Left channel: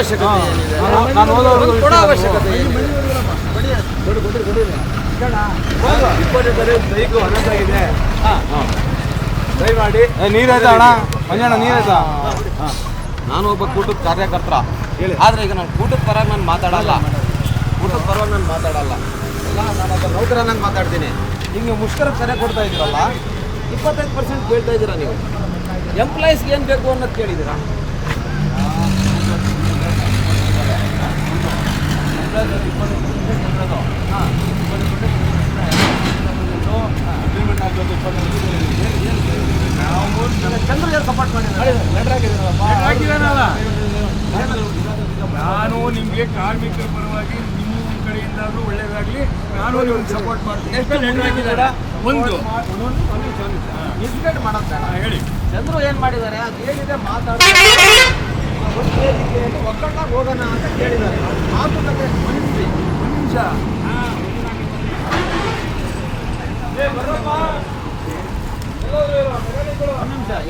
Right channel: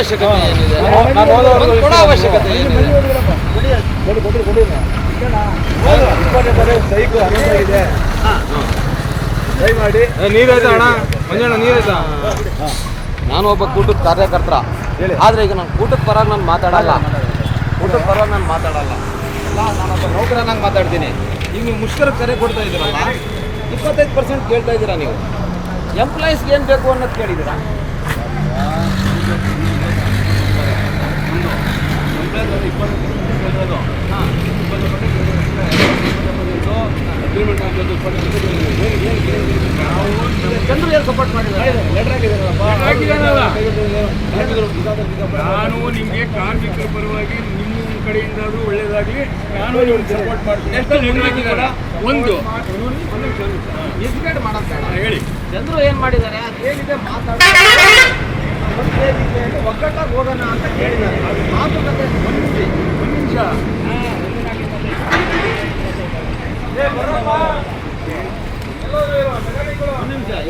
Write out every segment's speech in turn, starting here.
ಅವಶ್ಯಕತೆ ಏನಿದೆ? ಕೊಡೋ ಅವಶ್ಯಕತೆ ಏನಿದೆ? ನೀರಾಯ್ತಾ ಅಣ್ಣ? ಮಂಜಣ್ಣ ನೀರಾಯ್ತಾ? ನಾನು ಒಬ್ಬ ಕೂಟದ ಕಾರ್ಯಕರ್ತ, ಆದರೆ ಈಗ ನಾನು ಕೂಟದ ಪರ ನಾನು ಮಾತಾಡಲ್ಲ. ಎಲ್ಲ ನಾನೊಬ್ಬ ನೌಕರನಾಗಿ ಮಾತಾಡ್ತೀನಿ. ಈಗ ನೀವು ಮುಷ್ಕರ ಕರೆ ಕೊಡ್ತಾ ಇದ್ದೀರಲ್ಲ, 25% ಕೇಳ್ತಾ ಇದ್ದೀರಾ ನೀವು. ಎಂಪ್ಲಾಯೀಸ್ಗೆ ಏನು ಬೇಕು ಅನ್ನೋದು ಕೇಳಿದ್ದೀರಾ? ಚಂದ್ರು ಏನು ಸಪೋರ್ಟ್ ಮಾಡಿದ್ದಾರೆ? ನಾನು ನಿಮಗೆ ಕಾರ್ಮಿಕರ ಪರವಾಗಿ ನಿಮ್ಮ ಕಡೆಯಿಂದ ಒಳ್ಳೇದಾಗಲಿ, ನಾನು ನಿಮ್ಗೆ ಸಪೋರ್ಟ್ ಮಾಡ್ತೀನಿ. ಒಂದು ಎಜುಕೇಟ್ ಮಾಡೋದು ಹೇಳಿ, ಚಂದ್ರು ಏನು ಮಾಡಿದ್ದಾರೆ? ಅದೇನಿದೆ ಒಗ್ಗಟ್ಟಾಗಿ ಹೋಗೋಣ ಅಂತ ಕೇಳಿದ್ದಾರೆ. ಮಾತುಕತೆ ಒಂದು ನಿಮಿಷ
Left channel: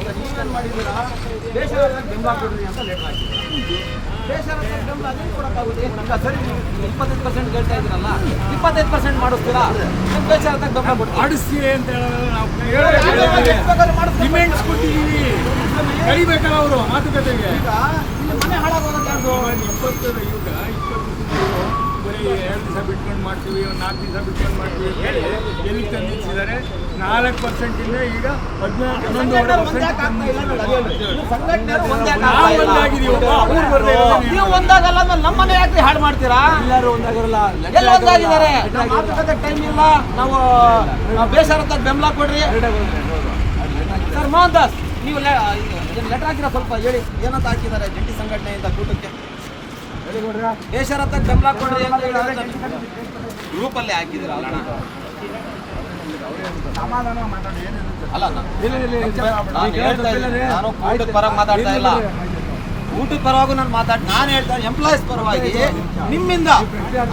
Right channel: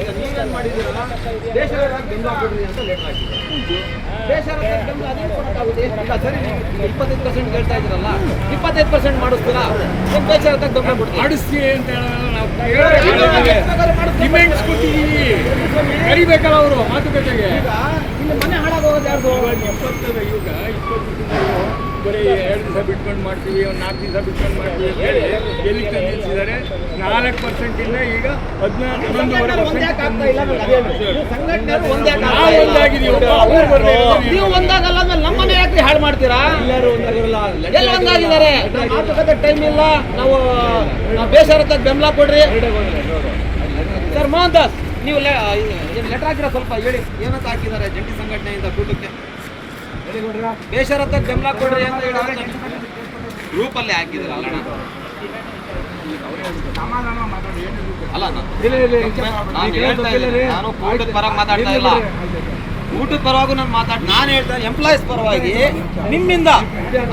ಈಗ ನೀವೇನು ಮಾಡಿದ್ದೀರಾ? ದೇಶದ ಬೆಂಬಲ ಕೊಡ್ರಿ ಅಂತ ಲೆಕ್ಕ ಹಾಕಿದ್ದೀರಾ. ದೇಶದ ಬೆಂಬಲ ಅದೇನು ಕೊಡೋಕ್ಕಾಗುತ್ತೆ? ಈಗ ಸರಿ, ನೀವು 25% ಹೇಳ್ತಾ ಇದ್ದೀರಲ್ಲ, 25% ಮಾಡಿಸ್ತೀರಾ? ಏನು ದೇಶದ ಬೆಂಬಲ ಕೊಡ್ತೀರಾ? ಮಾಡಿಸ್ತೀವಿ ಅಂತ ಹೇಳೋದು ನಾವು ಡಿಮ್ಯಾಂಡ್ಸ್ ಕೊಟ್ಟಿದ್ದೀವಿ. ಕರಿಬೇಕಲ್ಲ ಅವರು ಮಾತುಕತೆಗೆ. ಈಗ ಇಲ್ಲಿ ಮನೆ ಹಾಳಾಗೋದು ಯಾರ್ದು? 20 ಬರೀ 2 ದಿವಸ ಬಿಟ್ಕೊಂಡು ಮಾಡ್ತೀವಿ, ಒಂದು 4 ದಿವಸ ಬಿಟ್ಕೊಂಡು ಮಾಡ್ತೀವಿ ಅಂತ ಹೇಳಿ ಎಲ್ಲಿ ತಂದಿದ್ದಾರೆ. 4% ಇಲ್ಲ, ಈಗ 11% ಒಂದಾಗಿದ್ದೀವಿ. ನೀವು ಒಂದಾಗಲ್ಲ ಅಂದ್ರೆ ನಮ್ಮನೆ ಯಾಕೆ ಹಾಳು ಮಾಡ್ತೀರಾ? ಎಲ್ಲ ಒಂದಾಗಿದ್ದಾರೆ. ಮಾತುಕತೆ ಟೈಮ್ ಇಲ್ಲ. ನಾವು ಬೇಸರತ್ತ ಬೆಂಬಲ ಕೊಡ್ರಿ ಸರ್. ಮೋಹನ್ ದಾಸ್, ನೀವು ಲೆಟರ್ ಹಾಕಿರೋ ಸ್ವಲ್ಪ ಹೇಳಿ, ಏನಂತ ಹಾಕಿದ್ದಾರೆ ಜಂಟಿ ಸಂಘಟನೆಯಿಂದ ಕೂಟಕ್ಕೆ? ಬೇಷರತ್ತ ಬೆಂಬಲ ಕೊಡ್ರಿ ಅಂತ ಹೇಳಿ ಗ್ರೂಪಲ್ಲಿ ಹಾಕಿದ್ರು. ಅಲ್ಲ ನಾನು ಕೂಟದ ಪರವಾಗಿ ಮಾತಾಡ್ತಾ ಇಲ್ಲ. ಕೂಟದ ಪರವಾಗೂ ನಾನು ಹೇಳ್ತಾ ಎಂಪ್ಲಾಯೀಸ್ ಪರವಾಗಿ ನಿಮ್ಮಿಂದ,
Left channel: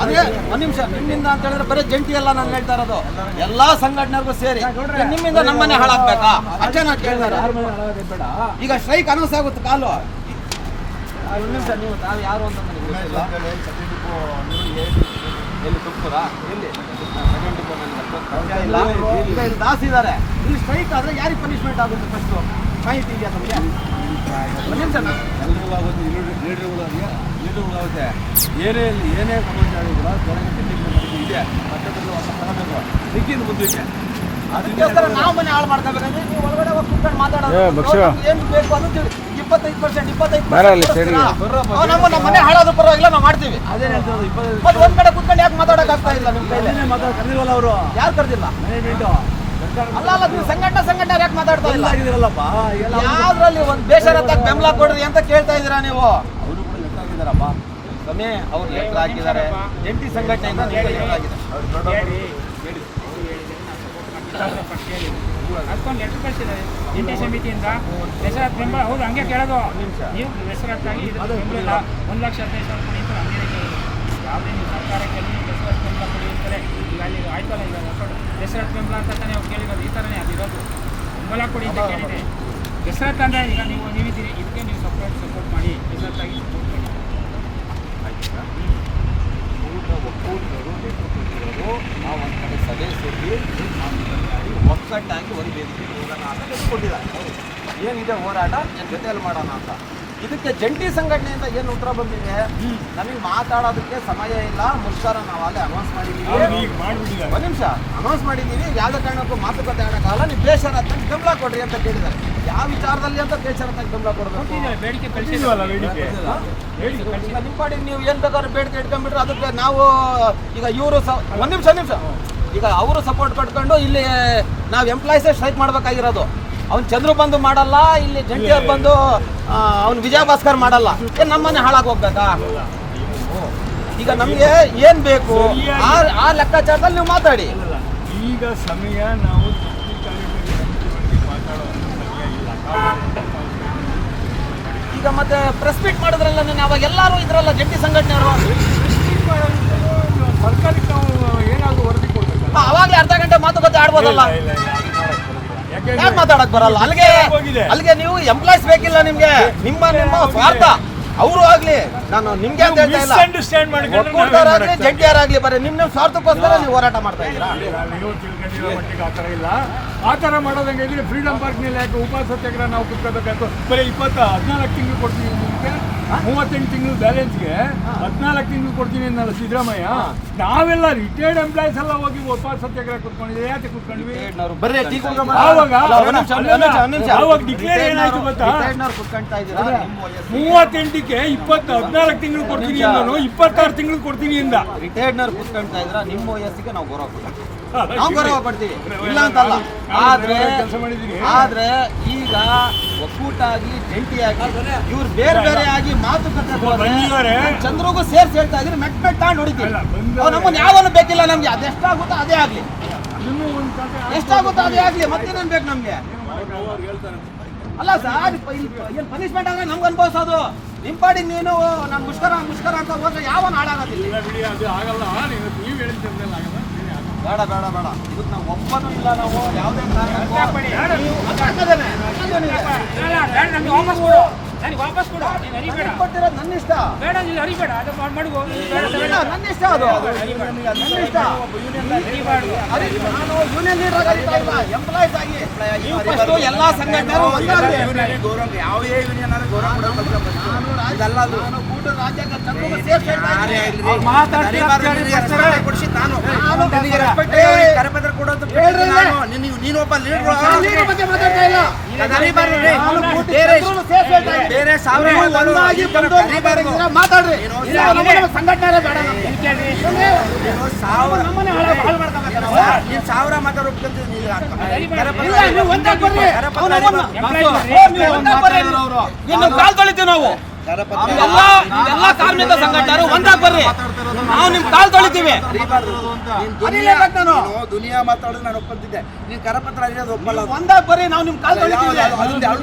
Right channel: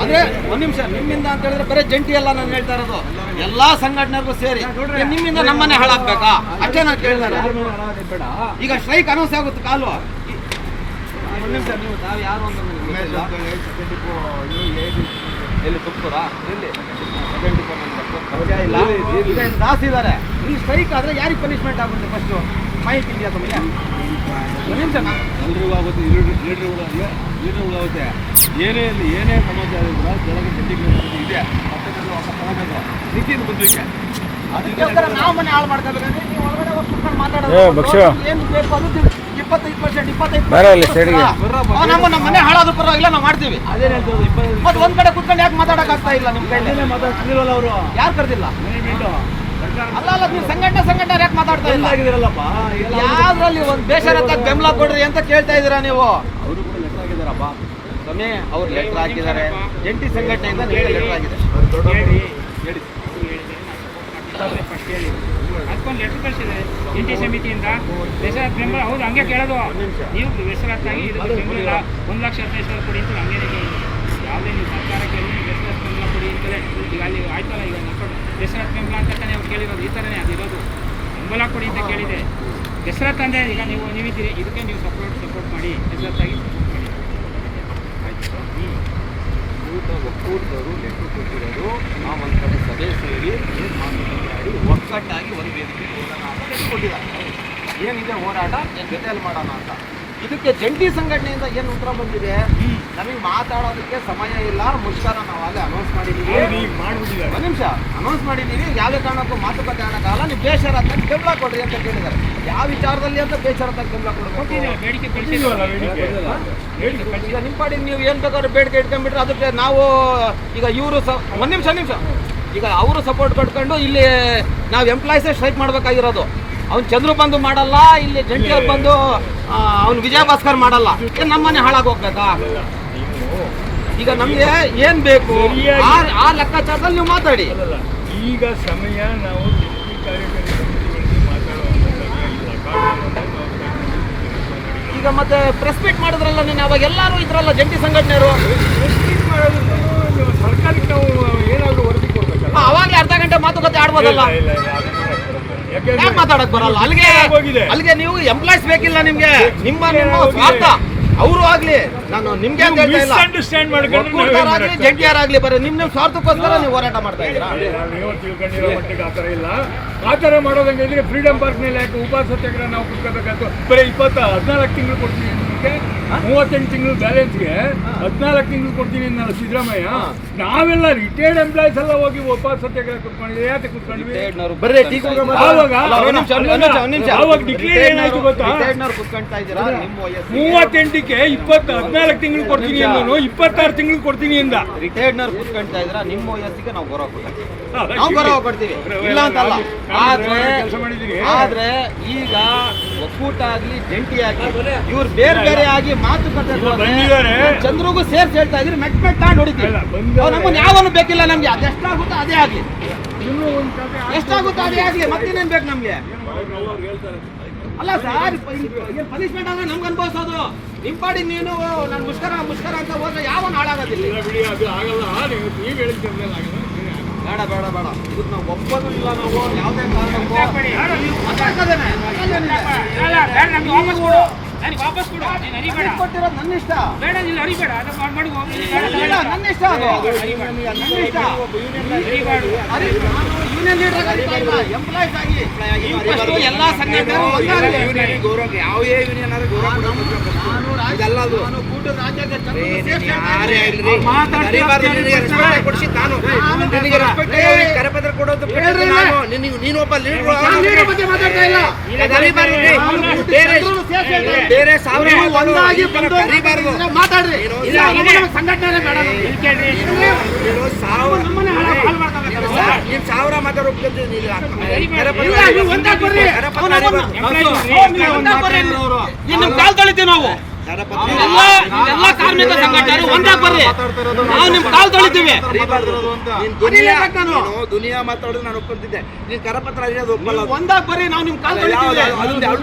ಅಂದ್ರೆ ಒಂದ್ ನಿಮಿಷ, ನಿಮ್ಮಿಂದ ಅಂತ ಹೇಳಿದ್ರೆ ಬರೀ ಜಂಟಿ ಎಲ್ಲ ನಾನು ಹೇಳ್ತಾ ಇರೋದು, ಎಲ್ಲಾ ಸಂಘಟನೆಗೂ ಸೇರಿ ನಿಮ್ಮಿಂದ ನಮ್ಮನೆ ಹಾಳಾಗ್ಬೇಕಾ? ಅಷ್ಟೇ ನಾನು ಕೇಳ್ತಾರೆ. ಈಗ ಸ್ಟ್ರೈಕ್ ಅನೌನ್ಸ್ ಆಗುತ್ತೆ ಕಾಲು. ಒಂದು ನಿಮಿಷ, ನೀವು ತಾವು ಯಾರು ಅಂತ ಎಲ್ಲಿ ತುಪ್ಪುರಾ? ಇಲ್ಲಿ ದಾಸ್ ಇದ್ದಾರೆ. ಇಲ್ಲಿ ಸ್ಟ್ರೈಕ್ ಆದರೆ ಯಾರಿಗೆ ಪನಿಷ್ಮೆಂಟ್ ಆಗುತ್ತೆ? ಫಸ್ಟು ಮಾಹಿತಿ ಇದೆಯಾ ತಮಗೆ? ಎಲ್ರಿಗೂ ಆಗುತ್ತೆ, ಲೀಡ್ರುಗಳು ಆಗುತ್ತೆ. ಏನೇ ಸಮಾಚಾರ ಇದ್ರು ಇದೆ ಮುಂದಕ್ಕೆ. ಅದಕ್ಕೋಸ್ಕರ ನಾವು ಮನೆ ಹಾಳು ಮಾಡ್ಕೋಬೇಕಂದ್ರೆ ನೀವು ಹೊರಗಡೆ ಹೋಗಿ ಕೂತ್ಕೊಂಡು ಮಾತಾಡೋದು ಏನು ಬೇಕು ಅನ್ನೋದು 25% ನಮ್ಮ ಮನೆ ಹಾಳಾದ ಪರವಾಗಿಲ್ಲ, ನಾವು ಮಾಡ್ತೀವಿ. ಮತ್ತೆ ಒಂದ್ ಕಡೆ ಕುತ್ಕೊಂಡು ಯಾಕೆ ಮಾತಾಡಕ್ ಆಗ್ತಾ ಇಲ್ಲ? ನಿಮ್ ಕೈಲಿ ಅವರು ಯಾರು ಕರೆದಿಲ್ಲ? ಅಲ್ಲ, ನೀವು ಸಂಘಟನೆ ಯಾಕೆ ಮಾತಾಡ್ತಾ ಇಲ್ಲ? ಯಾವ್ದ್ರಲ್ಲಿ ಒಂದು ಬೇಷರತ್ತ ಬೆಂಬಲ ಕೊಡ್ರಿ ಅಂತ ಕೇಳ್ತಾ ಇದ್ದೀರಾ ನೀವು? ಸ್ವಾಮಿ, ಅವ್ರು ಲೆಟರ್ ಹಾಕಿದ್ದಾರೆ, ಜಂಟಿ ಸಂಘಟನೆಯಿಂದ ಲೆಟರ್ ಆಗಿದೆ. ಅದಕ್ಕೊಂದು ಲೆಟರ್ ಕಳಿಸಿದ್ದಾರೆ ಜಂಟಿ ಸಮಿತಿಯಿಂದ. ಬೇಸರತ್ ಬೆಂಬಲ ಹೌದು, ಹಂಗೆ ಕೇಳೋದು. ನೀವು ಬೇಸರತ್ತಾಗಿ ಬೆಂಬಲ 1,15,000 ಕೊಡಿ ಅಂತ ಹಂಗೆ ಕೇಳೋದು. ಯಾವುದೇ ನೀವು ಸರ್ಕಾರಕ್ಕೆ ಬೇಸರತ್ ಬೆಂಬಲ ಕೊಡಿ ಅಂತಾರೆ. ಈಗ ಅಲ್ಲಿ ಆಯ್ತಲ್ಲ, ಈಗ ಬೇಸರತ್ ಬೆಂಬಲ ಅಂತ ನೀವು ಕೇಳಿರೋದು ಈ ಥರನೇ ಅದಿರೋದು. ಬೆಂಬಲ ಕೊಡಿ ಅಂತ ಕೇಳಿದೆ. ಬೇಸರತ್ ಅಂದರೆ ಈಗ ನೀವಿದ್ದೀರಿ, ಇದಕ್ಕೆ ನೀವು ಸಪೋರ್ಟ್ ಮಾಡಿ ಬೇಸರತ್ತಾಗಿ ಒಕ್ಕೂಟರು ಲೆಟರ್ ಕೊಟ್ಟಿರೋದು. ನಾವು ಒಂದು ಕಡೆ ಸಭೆ ಸೇರಿ ಒಕ್ಕಟ್ಟಾಗಿ ಒಂದು ವೇದಿಕೆ ಕೊಟ್ಟಿದ್ದಾರೆ. ಏನಿದೆ ಹೋರಾಟ, ಏನು ಜೊತೆಯಲ್ಲಿ ಮಾಡೋಣ ಅಂತ. ಇದಕ್ಕೆ ಜಂಟಿ ಸಂಘಟನೆಯಿಂದ ಏನು ಉತ್ತರ ಬಂದಿದೆ? ನಮಗೆ ಮಾತಾಡೋದಕ್ಕೆ ಸಮಯ ಇಲ್ಲ, ಮುಷ್ಕರ ನಾವು ಅಲ್ಲೇ ಅನೌನ್ಸ್ ಮಾಡಿದ್ದೀವಿ. ಒಂದು ನಿಮಿಷ, ಅನೌನ್ಸ್ ಮಾಡಿದ್ದೀವಿ. ಯಾವುದೇ ಕಾರಣಕ್ಕೂ ಮಾತುಕತೆ ಆಡೋಕ್ಕಾಗಲ್ಲ. ನೀವು ಬೇಷರತ್ತಾಗಿ ಬೆಂಬಲ ಕೊಡ್ರಿ ಅಂತ ಕೇಳಿದ್ದಾರೆ. ಯಾವ ವಿಚಾರದಲ್ಲಿ ಅಂತ ಬೇಷರತ್ತಾಗಿ ಬೆಂಬಲ ಕೊಡಬೇಕು? ಬೇಡಿಕೆ ಕಳಿಸಿದ್ವಲ್ಲ. ಈಗ ನಿಮ್ಮ ಪಾಡಿ ನೀವು ಏನು ಬೇಕಾದ್ರೂ ಬೇಡಿಕೆ ಇಟ್ಕೊಂಡ್ಬಿಟ್ರೆ ಅದಕ್ಕೆ ನಾವು ಈಗ ಇವರು ಒಂದು ನಿಮಿಷ ಈಗ ಅವರು ಸಪೋರ್ಟ್ ಕೊಟ್ಕೊಂಡು ಇಲ್ಲಿ ನಾವು ಎಂಪ್ಲಾಯೀಸೇ ಸ್ಟ್ರೈಕ್ ಮಾಡಬೇಕಾಗಿರೋದು. ಅವ್ನು ಚಂದ್ರು ಬಂದು ಮಾಡಲ್ಲ, ಇಲ್ಲಿ ಜಂಟಿಯವ್ರು ಬಂದು ಅವ್ನು ವಿಜಯ ಭಾಸ್ಕರ್ ಮಾಡಲ್ಲ. ಏನು ನಮ್ಮನೆ ಹಾಳಾಗಿ ಹೋಗ್ಬೇಕಾ? ಈಗ ನಮಗೆ ಏನು ಬೇಕು ಆ ಲೆಕ್ಕಾಚಾರದಲ್ಲಿ ನೀವು ಮಾತಾಡಿ. ಈಗ ಸಮಯ ನಾವು ಈಗ ಮತ್ತೆ ಪ್ರೆಸ್ ಮೀಟ್ ಮಾಡಿದ್ರಲ್ಲ ನೀನು, ಅವಾಗ ಎಲ್ಲರೂ ಇದ್ರಲ್ಲ ಜಂಟಿ ಸಂಘಟನೆಯವರು. ಸರ್ಕಾರಕ್ಕೆ ನಾವು ಏನಾದರೂ ವರದಿ ಕೊಡ್ಬೇಕಲ್ಲ. ಅವಾಗಲೇ ಅರ್ಧ ಗಂಟೆ ಮಾತುಕತೆ ಆಡ್ಬೋದಲ್ಲ. ಯಾಕೆ ಮಾತಾಡಕ್ ಬರಲ್ಲ? ಅಲ್ಲಿಗೆ ನೀವು ಎಂಪ್ಲಾಯ್ಸ್ ಬೇಕಿಲ್ಲ ನಿಮ್ಗೆ. ನಿಮ್ಮ ಸ್ವಾರ್ಥ ಅವರು ಆಗ್ಲಿ, ನಾನು ನಿಮ್ಗೆ ಅಂತ ಹೇಳ್ತಾ ಇಲ್ಲ, ಮಿಸ್ಅಂಡರ್ಸ್ಟ್ಯಾಂಡ್ ಮಾಡ್ಕೊಂಡು ಒಕ್ಕೂಟರಾಗ್ಲಿ ಜಂಟಿಯರಾಗ್ಲಿ ಬರೀ ನಿಮ್ಮ ಸ್ವಾರ್ಥಕ್ಕೋಸ್ಕರ ನೀವು ಹೋರಾಟ ಮಾಡ್ತಾ ಇದ್ದೀರಾ. ನೀವು ತಿಳ್ಕೊಂಡಿರೋ ಮಟ್ಟಿಗೆ ಆ ಥರ ಇಲ್ಲ. ಆ ಥರ ಮಾಡೋದಂಗೆ ಇದ್ರೆ ಫ್ರೀಡಮ್ ಪಾರ್ಕ್ನಲ್ಲಿ ಯಾಕೆ ಉಪವಾಸ ಸತ್ಯಾಗ್ರಹ ನಾವು ಕುತ್ಕೋಬೇಕಾಯ್ತು? ಬರೀ 14 ತಿಂಗಳು ಕೊಡ್ತೀನಿ ನಿಮಗೆ, 38 ತಿಂಗಳು ಬ್ಯಾಲೆನ್ಸ್ಗೆ 14 ತಿಂಗಳು ಕೊಡ್ತೀನಿ ಅನ್ನೋ ಸಿದ್ದರಾಮಯ್ಯ. ನಾವೆಲ್ಲ ರಿಟೈರ್ಡ್ ಎಂಪ್ಲಾಯ್ಸ್ ಎಲ್ಲ ಹೋಗಿ ಉಪವಾಸ ಸತ್ಯಾಗ್ರಹ ಕುತ್ಕೊಂಡಿದ್ವಿ. ಯಾಕೆ ಕುತ್ಕೊಂಡ್ವಿ? ಬರ್ರಿ ಟೀ ಕುಡ್ಕೊಂಡ್ ಬನ್ನಿ. ಆವಾಗ ಒಂದ್ ನಿಮಿಷ. ಆವಾಗ ಡಿಕ್ಲೇರ್ ಏನಾಯ್ತು ಗೊತ್ತಾ? ರಿಟೈರ್ಡ್ನವ್ರು ಕುತ್ಕೊಂತಾ ಇದ್ದೀರಾ, ನಿಮ್ಮ ವಯಸ್ಸು 38ಕ್ಕೆ 14 ತಿಂಗಳು ಕೊಡ್ತೀನಿ ಅನ್ನೋನು 26 ತಿಂಗಳು ಕೊಡ್ತೀನಿ ಅಂದ. ರಿಟೈರ್ಡ್ನವ್ರು ಕುತ್ಕೊಂತಾ ಇದ್ದೀರಾ, ನಿಮ್ಮ ವಯಸ್ಸಿಗೆ ನಾವು ಗೌರವ ಕೊಡ್ತೀವಿ, ನಾವು ಗೌರವ ಕೊಡ್ತೀವಿ, ಇಲ್ಲ ಅಂತಲ್ಲ. ಆದ್ರೆ ಈಗ ಒಕ್ಕೂಟ ಆಗ್ಲಿ ಜಂಟಿ ಆಗ್ಲಿ ಇವ್ರು ಬೇರೆ ಬೇರೆ ಆಗಿ ಮಾತುಕತೆ ಬಂದಿದ್ದಾರೆ. ಚಂದ್ರಿಗೂ ಸೇರ್ಸಿ ಹೇಳ್ತಾ ಇದ್ರಿ, ಮೆಟ್ ತಾಂಡ್ ಹೊಡಿತೀವಿ. ನಮ್ಮನ್ನು ಯಾವನು ಬೇಕಿಲ್ಲ ನಮ್ಗೆ, ಅದೆಷ್ಟಾಗುತ್ತೋ ಅದೇ ಆಗ್ಲಿ, ಎಷ್ಟಾಗುತ್ತೋ ಅದೇ ಆಗ್ಲಿ, ಮತ್ತೇನೇನ್ ಬೇಕು ನಮ್ಗೆ? ಅಲ್ಲ ಸರ್, ಏನ್ ಪನಿಷ್ಮೆಂಟ್ ಆದ್ರೆ ನಮ್ಗೆ ಅನ್ಭವಿಸೋದು. ನಿಮ್ ಪಾಡಿ ನೀನು ನಾನು ಮುಷ್ಕರ ಅಂತ ಹೋದ್ರೆ ಯಾವನು ಹಾಳಾಗೋದಿಲ್ಲ. ಬೇಡ ಬೇಡ ಬೇಡ, ಇದಕ್ಕೆ ನಾವು ಒಪ್ಪೋದು ಇಲ್ಲ. ನಾವು ಯಾವುದೇ ವಾಪಸ್ ಕೊಡು, ನೀನು ಅರಿಬೇಡ. ಕೊಟ್ಟಿರೋದು ನನ್ನ ಇಷ್ಟ, ಬೇಡ ನೀನು ಅರಿಬೇಡ, ಅದು ಮಾಡು. ನನ್ನ ಇಷ್ಟ, ಅದು ನನ್ನ ಇಷ್ಟ. ನಾನು ಯೂನಿಯನ್ ಲೀಡರ್ ಆಗಿಲ್ಲ, ಎಂಪ್ಲಾಯ್ಸ್ ಆಗಿ ಎಲ್ಲ ಸಂಘಟನೆಗಳು ಒಂದಾಗಲಿ. ಯಾವುದೇ ಯೂನಿಯನ್ ಆದ್ರೆ ಗೌರವ ಇದಲ್ಲ. ಅದು ನಾನು ಕೂಟೂರು ರಾಜ್ಯಾಧ್ಯಕ್ಷ ಸೇರ್ಸಿ ಕೊಡಿಸಿ ನಾನು ಕರಪತ್ರ ಕೊಡೋದು ನೀನು ಒಬ್ಬ ಲೀಡರ್ ಬಗ್ಗೆ ಮಾತಾಡ್ತಾ ಇಲ್ಲ. ಬೇರೆ ಒಂದಾಗಿ ಮಾತಾಡ್ರಿ, ಇಲ್ಲ ಸಂಘಟನೆ ಬೇಡ. ನೀನು 1000 ಮಾತಾಡೋಕೆ ನಿಮ್ ಕಾಲ್ ತೊಳಿತೀವಿ ನಾವು. ಎಲ್ಲ ಕಾರ್ಮಿಕ ಸಂಘಟನೆ ಒಂದಾಗಿ ಬರ್ರಿ, ನಾವು ನಿಮ್ ಕಾಲ್ ತೊಳಿತೀವಿ. ದುನಿಯಾ ಮಾತಾಡೋದು ನಾನು ಒಪ್ಕೊಂತಿದ್ದೆ, ನೀನು ಕರಪತ್ರ ಅರಿಯೋದು ಒಪ್ಪಲ್ಲ. ಒಂದಾಗಿ ಬರ್ರಿ, ನಾವು ನಿಮ್ ಕಾಲ್ ತೊಳಿತೀವಿ.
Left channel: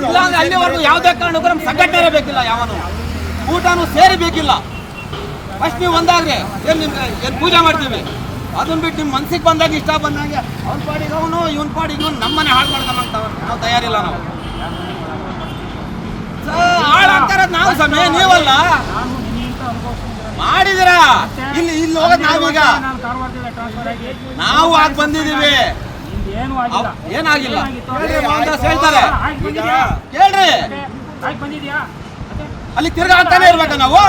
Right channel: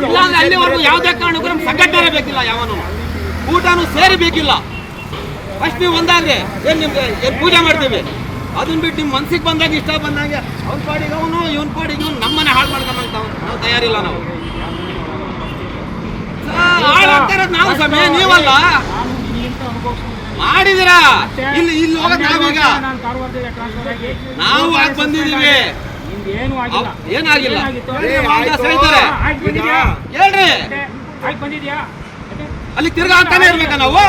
ಇಲ್ಲ ಅಂದ್ರೆ ಅಲ್ಲಿವರೆಗೂ ಯಾವುದೇ ಕಾರಣಕ್ಕೂ ನಮ್ಗೆ ಸಂಘಟನೆ ಬೇಕಿಲ್ಲ, ಯಾವನು ಊಟನೂ ಸೇರಿ ಬೇಕಿಲ್ಲ. ಫಸ್ಟ್ ನೀವು ಒಂದಾಗ್ರಿ, ಏನ್ ನಿಮ್ಗೆ ಏನ್ ಪೂಜೆ ಮಾಡ್ತೀವಿ, ಅದನ್ನ ಬಿಟ್ಟು ನಿಮ್ ಮನ್ಸಿಗೆ ಬಂದಾಗ ಇಷ್ಟ ಬಂದಂಗೆ ಅವ್ನ ಪಾಡಿ ಇವನು ಇವನ್ ಪಾಡಿ ಇವನು ನಮ್ಮನೆ ಹಾಳು ಮಾಡ್ಕೊಂಬಂತ ನಾವು ತಯಾರಿಲ್ಲ. ನಾವು ಹಾಳಾಗ್ತಾರ ನಾವು ಸಮಯ, ನೀವಲ್ಲ ಮಾಡಿದಿರಾ. ಇಲ್ಲಿ ಹೋಗೋದು ನಾವೀಗ, ನಾವು ಆಗಿ ಬಂದಿದೀವಿ, ಏನಾಗಿಲ್ಲ ಹೇಳ್ತಾರೆ. ಹೇಳ್ರಿ, ಅಲ್ಲಿ ತಿರ್ಗಾ ಆಗ್ತಾನೆ ಇರ್ಬೇಕ ನಾವು.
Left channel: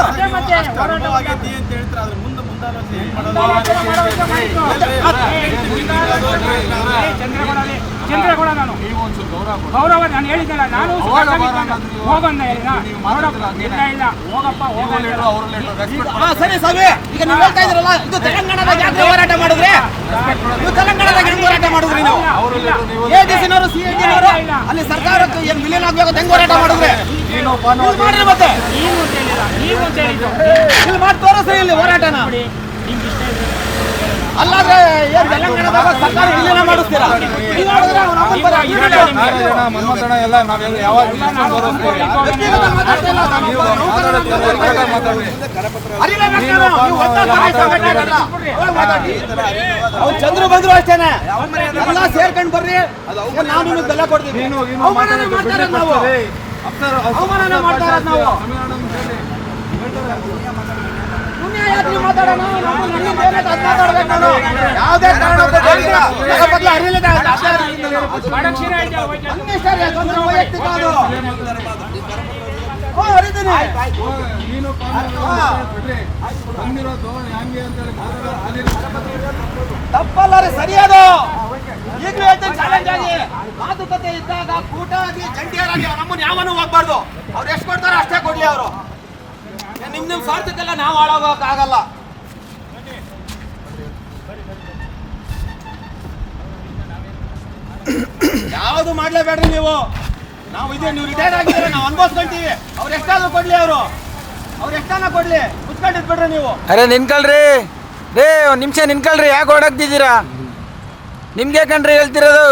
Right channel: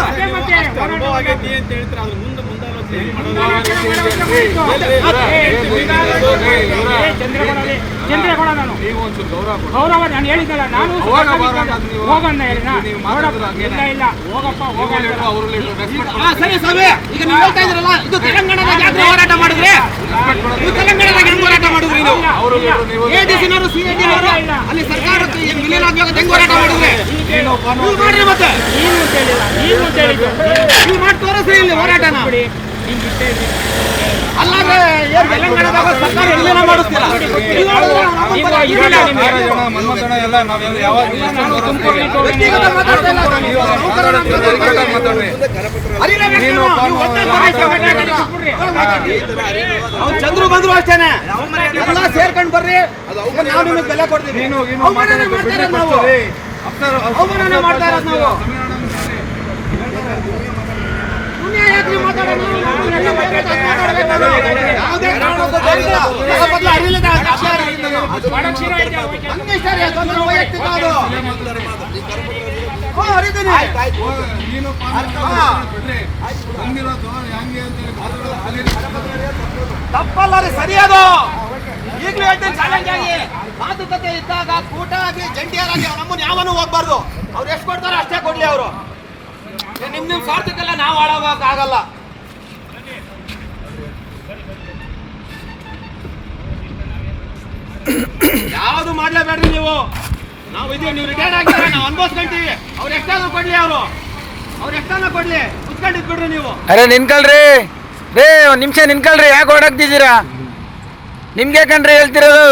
ಗೌರವ ನಾನು ಹೇಳಿದ್ದಲ್ಲ, ನಾನು ಹೋಗಂದ ಹೇಳಿದ ಇಲ್ಲ ಹೋಗಪ್ಪ ಸರಿ ಸಭೆ. ಈಗ ನೀವು ಹೇಳ್ತಾ ಇದ್ರಲ್ಲ, ಇದು ತೆಲಂಗಾಣದಾಗ ಯಾಕೆ ಹೋರಾಟ ಮಾಡಿದ್ರಿ? ನೀವು ತೆಲಂಗಾಣದಾಗ ಹೆಂಗ್ ಹೋರಾಟ ಮಾಡಿದ್ರಿ? ನೀವು ADC-ನವರು CID-ನವರು ಅಲ್ಲಿ ಸರ್ಕಾರಕ್ಕೆ ಏನ್ ವಿಲೀನ ಆಗ್ಬೇಕು ಹೆಂಗ್ ಹೋರಾಟ ಮಾಡಿದ್ರಿ? ಮಾಡ್ರಿ, ಮತ್ತೆ ನೀವು ಮಾಡಿ ತೋರಿಸ್ರಿ ಇಲ್ಲಿ ಹೋರಾಟನ. ಅಲ್ಲಾದ್ರೆ ಏನ್ ತೆಲಂಗಾಣದಾಗ ಸರ್ಕಾರ ವಿಲೀನ ಮಾಡಿಸ್ತೀರಾ? ಮನ್ಮಥಣ್ಣ ಎಲ್ಲ ನಾವೆಲ್ಲ ಯಾವಾಗ ಅವ್ರು ಚಂದ್ರು ಬಂದ್ರು ಅಷ್ಟೇನೆ, ಎಲ್ಲ ಸೇರ್ಕೊಂಡ್ ಬರ್ರಿ, ನಾವು ನಿಮಗೆ ಬೆಲೆ ಕೊಡ್ತೀವಿ. ಅವಮಾನ ಮಾಡ್ತಾ ಇರೋದು ನಾವು. ಯಾಕೆ ಮಾತಾಡೋಣ? ಯಾವುದೇ ಕಾರಣಕ್ಕೂ ವೈಯಕ್ತಿಕ ಅದು. ತಪ್ಪಲ್ಲ ರೀ, ಸರಿ ಅದು. ಈಗಲೂ ಹೇಳ್ತೀನಿ, ಚಾಲೆಂಜ್ ಆಗಿ ಮಾತುಕತೆ ಇದ್ದಾಗ ಕೂಟ ಆಗಲಿ ಜಂಟಿಯರಾಗಿ ನಮ್ಮನ್ನು ಯಾವನು ಹೋಗ್ಬಾರ್ದು. ಅವ್ರು ಎಷ್ಟು ಕೊಡ್ತಾರೋ ಅಷ್ಟೇ ಕೊಡ್ಲಿ. ಅವರು ನಿಮ್ ಸ್ವಾರ್ಥಕ್ಕೆಲ್ಲ ನಾವು ಹಾಳಾಗಲ್ಲ. ಯಾವುದು ಮಾಡ್ಲೇಬೇಡ್ರಿ ನೀವು. ನಾವು ಇದೀವಿ, ನೀವು ರಿಟೈರ್ಡ್ ಆಗಿದ್ರೆ ನಾವು ಅನ್ಭವಿಸ್ಕೊಳ್ತೀವಿ. ಅವ್ರು ಎಷ್ಟಾದ್ರೂ ಕೊಡ್ಲಿ, ಅವ್ರು ಎಷ್ಟಾನ ಕೊಡ್ಲಿ, ಕುತ್ಕೊಂಡಿದ್ಬಿಡ್ರಿ ನೀವು. ಅರೆ ನಿನ್ಕಳ್ರಿ ರೇ, ಒಂದು ನಿಮಿಷ ನಿನ್ಕಳ್ರಿ, ಯಾಕೆ ಓಡಾಕ್ತಿದ್ದೀರಾ? ನಿಮ್ಗೆ ಕಣ್ರಿ ಹೇಳ್ತಿರೋದು.